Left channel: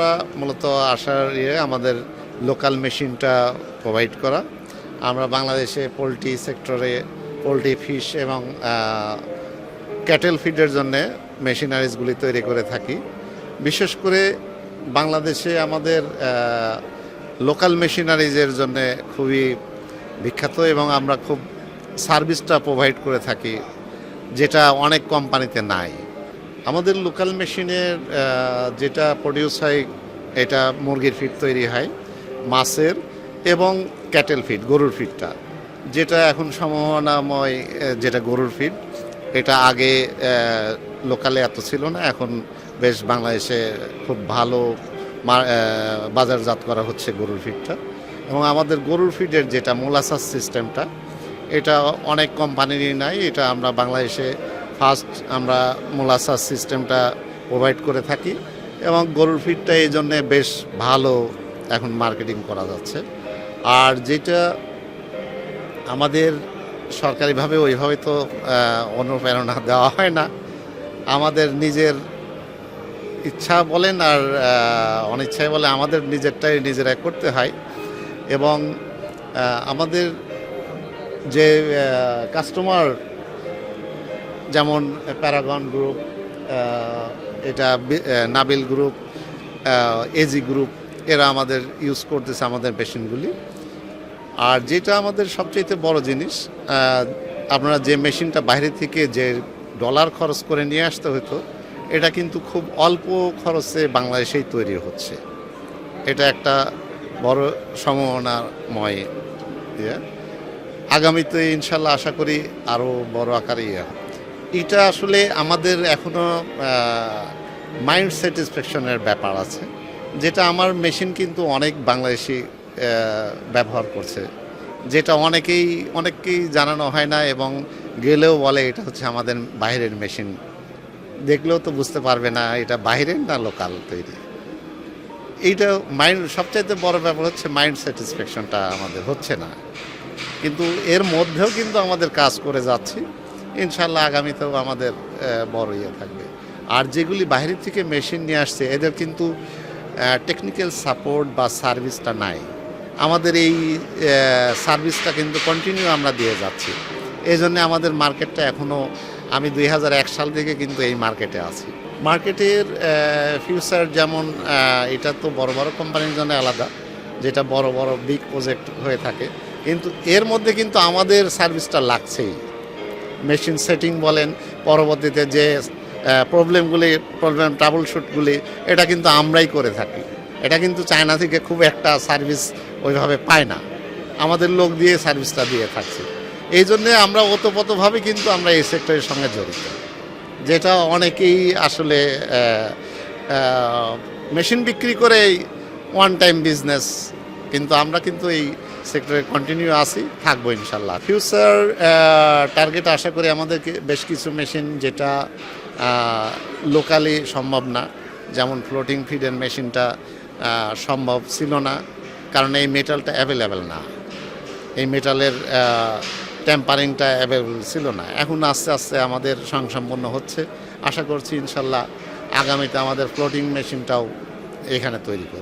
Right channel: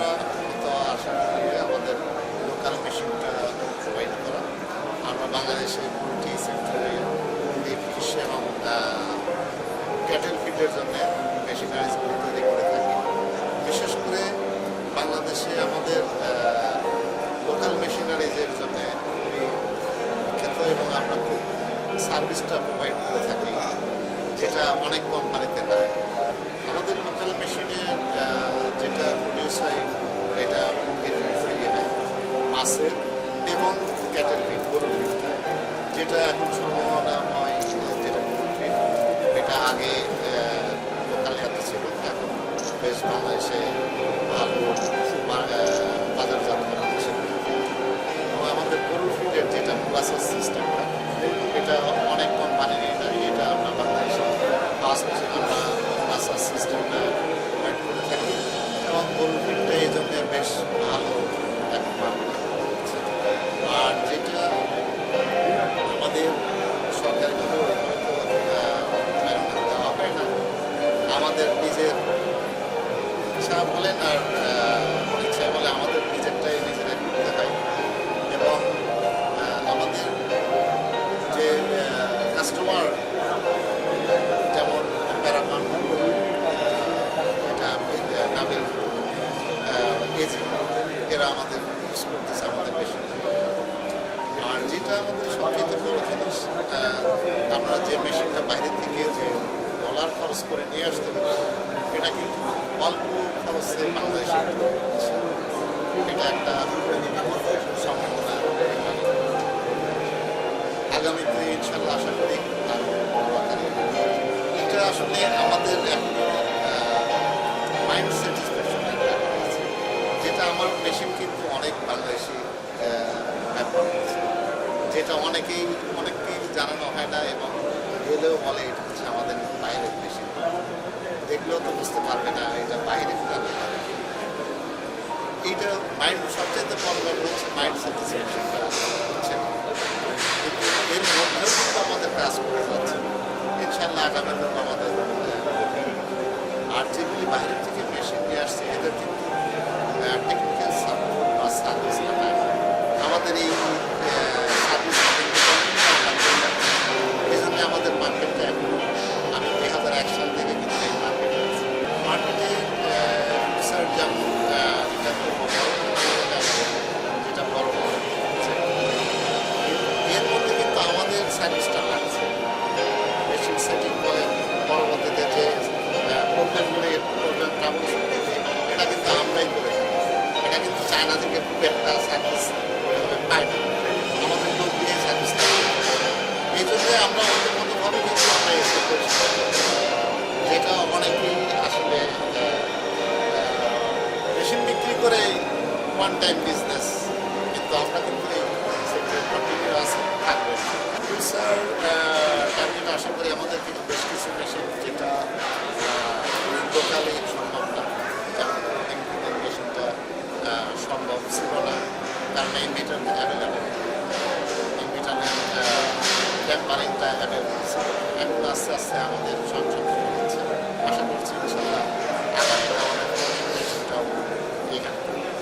আমরা মূলত আসার আমাদের লোকাল মেশিনটা প্রোভাইড করা। আমরা বাংলাদেশে পোলট্রি সেক্টরে পোলট্রি ফিশ এবং ক্যাটেল ফিডের জন্য মেশিনারিজগুলি তৈরি করে থাকি। বিশেষ করে বাংলাদেশে আমাদের লোকাল মেশিনারিজের জন্য খুবই বিখ্যাত এবং আমরা খুব সার্ভিসটা প্রোভাইড করে থাকি, যেটা অনেক কোম্পানিতে নাই। আমাদের লোকাল মেশিনের যেটা প্রডিউস হয়, এটা মুরগির ফিড তৈরি হয়, মাছের এবং ক্যাটেল ফিড, গরুর ফিডটা, যেটা এখন সম্ভাবনাময়, যেটা গরুর ফিড, এটা আগে লোকালে এত ছিল না, এখন বেশ বাংলাদেশে খুব ভালো বাজারজাত করা হচ্ছে গরুর ফিডটা। এবং আমাদের গরুর ফিডের যেটা মোলাসাস সিস্টেমটা, এটা অনেক কোম্পানিরই নাই, এটা আমরা বাংলাদেশে ফার্স্ট আমরা মোলাসাস সিস্টেমটা প্রোভাইড করে থাকি এবং গরুর ফিডটা এই জন্যে বেশ ভালো এখন মার্কেটিং করা যাচ্ছে। আর যেটা আমাদের সরকারিভাবে ওইভাবে তো অনুপ্রেরণা দেওয়া হয় না, আমাদের নিজের ইচ্ছা বলেন আর অনিচ্ছায় বলে আমাদের নিজেরটাই নিজেরাই করতে হয়। এবং আমাদের যে কাস্টমার, যেমন প্যারাগন গ্রুপ, এটা নাবিল গ্রুপ, এজি গ্রুপ, এরা আমাদের ইউজ করতেছে আমাদের মেশিনগুলি। আর যেটা আমাদের সবচেয়ে বড় জিনিস, আপনারা যে মেশিনটা বাইরে থেকে যে ডলার খরচ করে নিয়ে আসতে হতো, এটা কিন্তু খুব অল্প খরচে বাংলাদেশেই তৈরি হচ্ছে। এটা একটা বড় সম্ভাবনাময়। আগামীতে ইনশাল্লাহ আশা করি আরও বড় আকারে এটা আসলে আমাদের এখনও মাইন্ড স্যাটিসফ্যাকশনের ব্যাপার আছে, যেটা আমার মেশিন কিন্তু অনেক বাংলাদেশি ব্যবহার করছে, যেটা অনেককেই জানানো হয় না এবং গেলেও বলে এটা হচ্ছে আমাদের বাইরের মেশিন, দেখলেও তো বুঝতে পারবে না এটা বাইরের না লোকাল। এইটা সবচাইতে বড় ব্যাপার হচ্ছে মাইন্ড স্যাটিসফ্যাকশনটা আমাদের হচ্ছে না, কিন্তু এর মধ্যেও কিন্তু আমাদের কাজ করে যাচ্ছি। ইনশাল্লাহ আগামীতেও আমাদের বড় থাকবে। আর যেগুলি বাইরের থেকে মেশিন নিয়ে আসছে, এদের কিন্তু টেকনিক্যাল সাপোর্ট বা সার্ভিসটা নাই। আমাদের এই সার্ভিসটা কিন্তু কন্টিনিউ আমরা দিয়ে যাচ্ছি। এই জন্য আমাদের মার্কেটটা এখনও, আমি 2001 সাল থেকে কিন্তু এই মার্কেটে আছি। মার্কেটের ফিউচার যেমন, এটা তো বড় বড় কোম্পানির জন্য আলাদা, যেটা বড় বড় বিগ প্রজেক্ট হয়ে থাকে, কিন্তু এর মধ্যে কিন্তু আমাদের সার্ভিসটা লাগছেই। মেশিন সেটিং বলেন, পরবর্তীতে যে প্রবলেম ট্রাবল শুটগুলি, এটা কিন্তু আমরাই করে থাকি। এটা কিন্তু চায়না থেকে খুব একটা সার্ভিস ওইভাবে পায় না, আমাদের লোক দিয়ে সার্ভিসটা দিয়ে থাকছে। এই জন্যে আমরা ওতপ্রোতভাবে কিন্তু আমরা এই সেক্টরের সঙ্গে জড়িত, যেটা অনেকেই আসলে মেশিন বিক্রি করে ওয়ান টাইম বিজনেস, কিন্তু আমরা কিন্তু এই সেক্টরে কন্টিনিউ আসি, থাকবো ইনশাল্লাহ। ফিউচার টার্গেট আশা করি আমাদেরকে বেশ কিছু মেশিন, যেটা লোকালি সম্ভব না, যেমন ফ্লোটিং ফিডের মেশিনটা সম্ভব ছিল না, কারণ এই মেটালটা অ্যাভেলেবেল না, এই মেটালের ট্যাম্পারিংটা অ্যাভেলেবেল ছিল না। এখন আস্তে আস্তে আমাদের স্বয়ংসম্পূর্ণ হচ্ছে। আশা করছি ইনশাল্লাহ আগামীতে আমাদের ফ্লোটিং মেশিনটাও এখানে তৈরি হবে।